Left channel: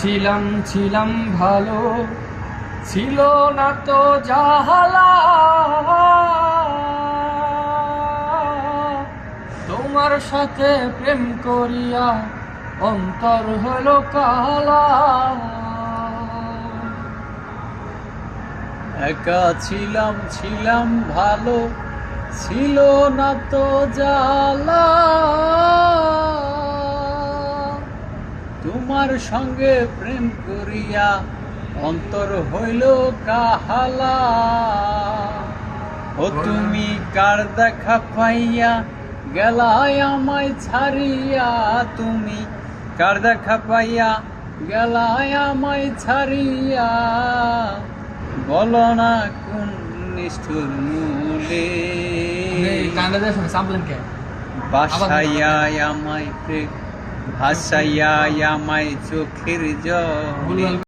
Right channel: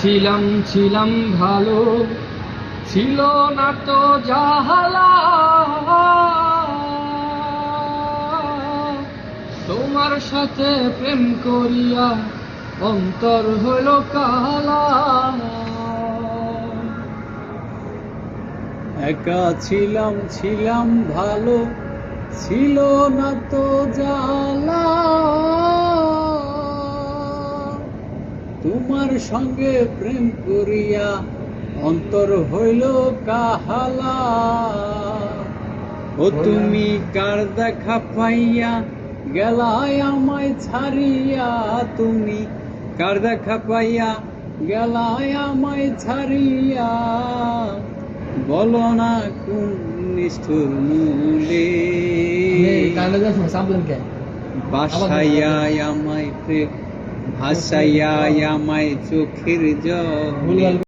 ছিলাম ছিলাম ভালো, ছিল না তো জাহালা। তোমার সাথে প্রেম করিয়া অন্তর হইল কালা। একা ছিলাম ছিলাম ভালো, ছিল না তো জ্বালা। তোমার সঙ্গে প্রেম করিয়া অন্তর হইল কাহালা। ও তুমি কার দেখা পাইয়া গেলাই আমায় ছাড়িয়া, তুমি কার দেখা পাইয়া গেলাই আমায় ছাড়িয়া। বলো না কোন নিষ্ঠুর মূলে বাসাইয়া আমায় ভাসাইয়া আমায় চোখের জল।